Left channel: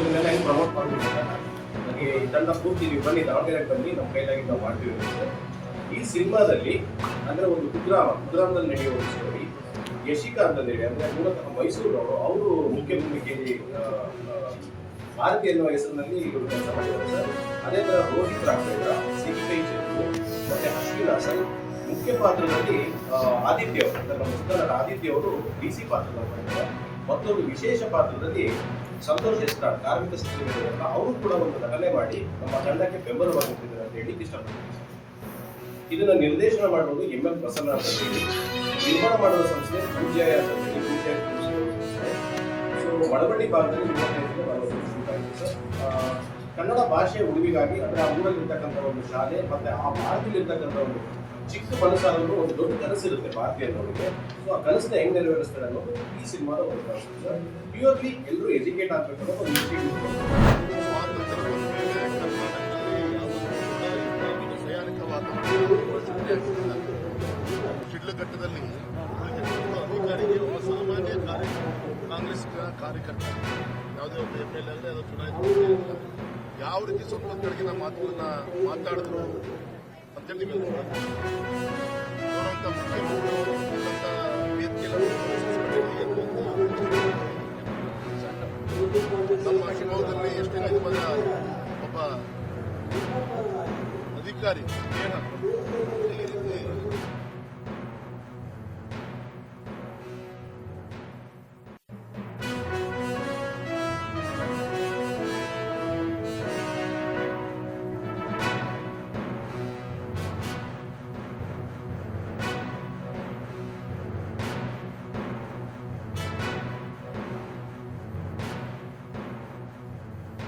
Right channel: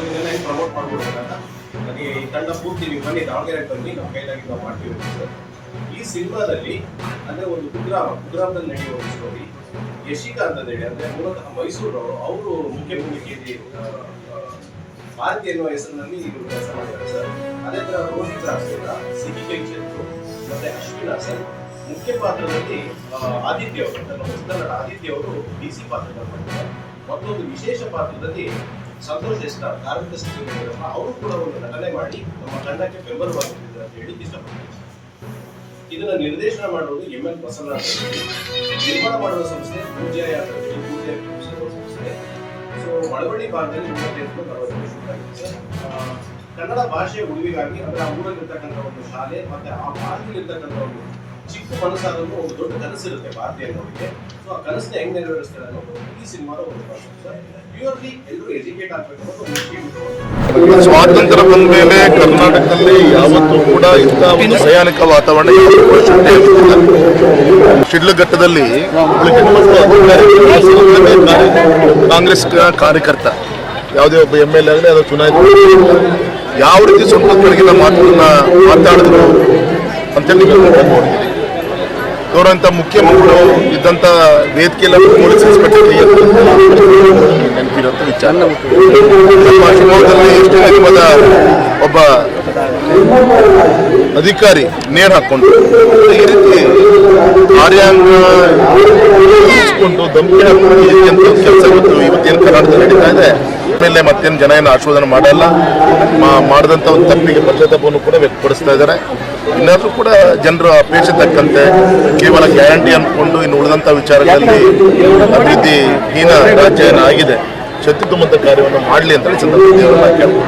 ಇದನ್ನೆಲ್ಲ ಹೆಂಗೆ ಪ್ರಮೋಟ್ ಮಾಡ್ಬೋದು ಅಂತ ನನಗೆ ಈ ತಂಡ ಪೂರ್ತಿ ನೀವು ಬನ್ನಿ ದಾವಣಗೆರೆಗೆ ಬನ್ನಿ ನಮ್ಮ ಕೈಲಾಗಿ ನಾವು ಮಾಡ್ತೀವಿ ಸರ್. ಈ ಸಿನಿಮಾದಲ್ಲಿ ಅಂದ್ರೆ ಒಂದು ಕುಗ್ರಾಮದಲ್ಲಿ ನಡೆಯುವ ಒಂದು ಸ್ಟೋರಿ. ಯಶಿಕಾ ಅಂತ ಹೇಳಿ ಅಂದ್ರೆ ಮೂಲತಃ ಮೈಸೂರವರು, ಅವರು ಮುಖ್ಯ ಭೂಮಿಕೆಯಲ್ಲಿ ಭಾರತಿ ಎನ್ನುವ ಹೆಸರಿನಲ್ಲಿ ಇವರು ಕೆಲಸ ಮಾಡಿದ್ದಾರೆ ಸರ್. ಅದೇ ತರ ರೋಹಿತ್ ರಾಘವೇಂದ್ರ, ಸಿಹಿ ಕೈ ಚೆಂದು ಮತ್ತೆ ಅಶ್ವಿನ್ ಹಾಸನ್ ಮುಖ್ಯ ಪಾತ್ರದಲ್ಲಿ ಆದಿತ್ಯ ಅವರು, ನಮ್ಮ ಚಿತ್ರನಟ ಆದಿತ್ಯ ಅವರು DC ಪಾತ್ರದಲ್ಲಿ ಮಾಡ್ತಾರೆ. ಮತ್ತೊಂದು ವಿಶೇಷ ಪಾತ್ರದಲ್ಲಿ ಸಂತೋಷ್ ಎಸ್ಟಾರ್, ಕಾರ್ಮಿಕ ಸಚಿವರಿರಲ್ಲ, ಅವರು ಕೂಡ ಒಂದು ನಟನೆ ಮಾಡಿ ನಮ್ಮ ತಂಡಕ್ಕೆ ಬೆಂಬಲವಾಗಿದ್ದಾರೆ ಅಂತ ಹೇಳಿ ಇಷ್ಟಪಡ್ತಾರೆ. ಇದನ್ನ ನಿರ್ದೇಶನ ಮಾಡೋದು ML ಪ್ರಸನ್ನ ಅಂತ ಹೇಳಿ, ನಿರ್ಮಾಣ ಮಾಡುವ ಸಂಸ್ಥೆ ಪೂಜ್ಯಾಯ ಅಂತ ಹೇಳಿ, ಪೂಜ್ಯ ಸಂಸ್ಥೆ. ಸೊ ಮಳವಳ್ಳಿ ಭಾಗದಲ್ಲಿ 35-40 ಶೂಟ್ ಆಗಿದೆ ಸರ್. ಕನ್ನಡ ಭಾಷೆ ಉಳಿವಿಗಾಗಿ ಅಂದ್ರೆ ಆ ಊರಲ್ಲಿರ್ತಕ್ಕಂಥ ಒಂದು ಶಾಲೆ ಮತ್ತೆ ಆ ಭಾರತದಲ್ಲಿರ್ತಕ್ಕಂಥ ಒಂದು ಚಿಕ್ಕ ಮನಸ್ಸಾದರೂ ಒಂದು ದೊಡ್ಡ ಕನಸಿರುತ್ತೆ ಭಾರತೀಯರಿಗೆ. ಸೊ ಆ ಕನಸನ್ನ ಹೆಂಗ್ ನೆರವೇರಿಸ್ತಾರೆ ಅನ್ನೋದು ಈ ಸಿನಿಮಾದ ಒಂದು ಕಾನ್ಸೆಪ್ಟ್ ಸರ್. ಪ್ಯೂರ್ಲಿ ಎಲ್ಲರೂ ಎಜುಕೇಟ್ ಆಗಬೇಕು ಅನ್ನೋದು ಒಂದು ಸ್ವಾತಂತ್ರ್ಯ ಬಂದ ಮೇಲೆ ಕರ್ನಾಟಕದಲ್ಲಿ ಯಾವತ್ತೂ ಕೂಡ ಇಂಥ ಒಂದು ಭಯಾನಕ ವಾತಾವರಣ ಶಿಡ್ಲಘಟ್ಟದಲ್ಲಿ ಕಾಂಗ್ರೆಸ್ ಕಾರ್ಯಕರ್ತ ಯಾವುದೇ ಒಬ್ಬ MLA ಆಗಲಿ ಅದು ಚುನಾಯಿತ ಯಾವ ರೀತಿ ಸ್ವಂತ ಕಡೆಗಿನ ಮಾತುಗಳನ್ನ ಮಾತಾಡಿದ್ರು ಅಂತೇಳಿ ನೋಡಿದ್ದೀರಿ. ಗೌರವಂತ ಮುಖ್ಯಮಂತ್ರಿಗಳು ಇದ್ದಂಥ ವೇದಿಕೆಯಲ್ಲಿ ಪೊಲೀಸ್ ಇನ್ಸ್ಪೆಕ್ಟರ್ ನೆನಪಿರುವಂಥ ವಿಚಾರ. ನಮ್ಮ ಶಿವಮೊಗ್ಗದಲ್ಲಿ ಎಷ್ಟು ನಿಗಮದ ಒಬ್ಬ ಅಧಿಕಾರಿ ನೇಣು ಹಾಕ್ಕೊಂಡು ಈ ರೀತಿ ಕಾರ್ಯಾಂಗ ಧಮಕಿ ಹಾಕೊಂಡು ಅಂತ ಕೆಲಸ ಇವತ್ತೇನು ಕರ್ನಾಟಕದಲ್ಲಿ ನಡೀತಾ ಇದೆ. ಮೇಲೆ ಮತ್ತೇನು ಜನ ಏನು ಆಶೀರ್ವಾದ ಮಾಡಲ್ಲ, ಮಾಡಿದಂಥ ಒಂದು ತಪ್ಪಿಗೆ ಪಶ್ಚಾತ್ತಾಪವನ್ನು ಕೂಡ ವ್ಯಕ್ತಪಡಿಸ್ತಾ ಇದ್ದಾರೆ. ಇನ್ನಾದರೂ ಕೂಡ ಜನರ ಅಪೇಕ್ಷೆ ತಕ್ಕಂತೆ ಕೇವಲ ಗ್ಯಾರಂಟಿ ಅಂದ್ಕೊಂಡು ಇನ್ನು ಉಳಿದಂಥ ವಿಚಾರಗಳಲ್ಲಿ ಅಭಿವೃದ್ಧಿ ಹೀನ ರಾಜ್ಯ ಏನಾಗಿದೆ ಶಕ್ತಿ ತುಂಬಂಥ ಕಾರ್ಯವನ್ನು ಮಾಡಲಿ ಅಂತೇಳಿ ಸಂದರ್ಭದಲ್ಲಿ ಕೇಳ್ಬೋದು.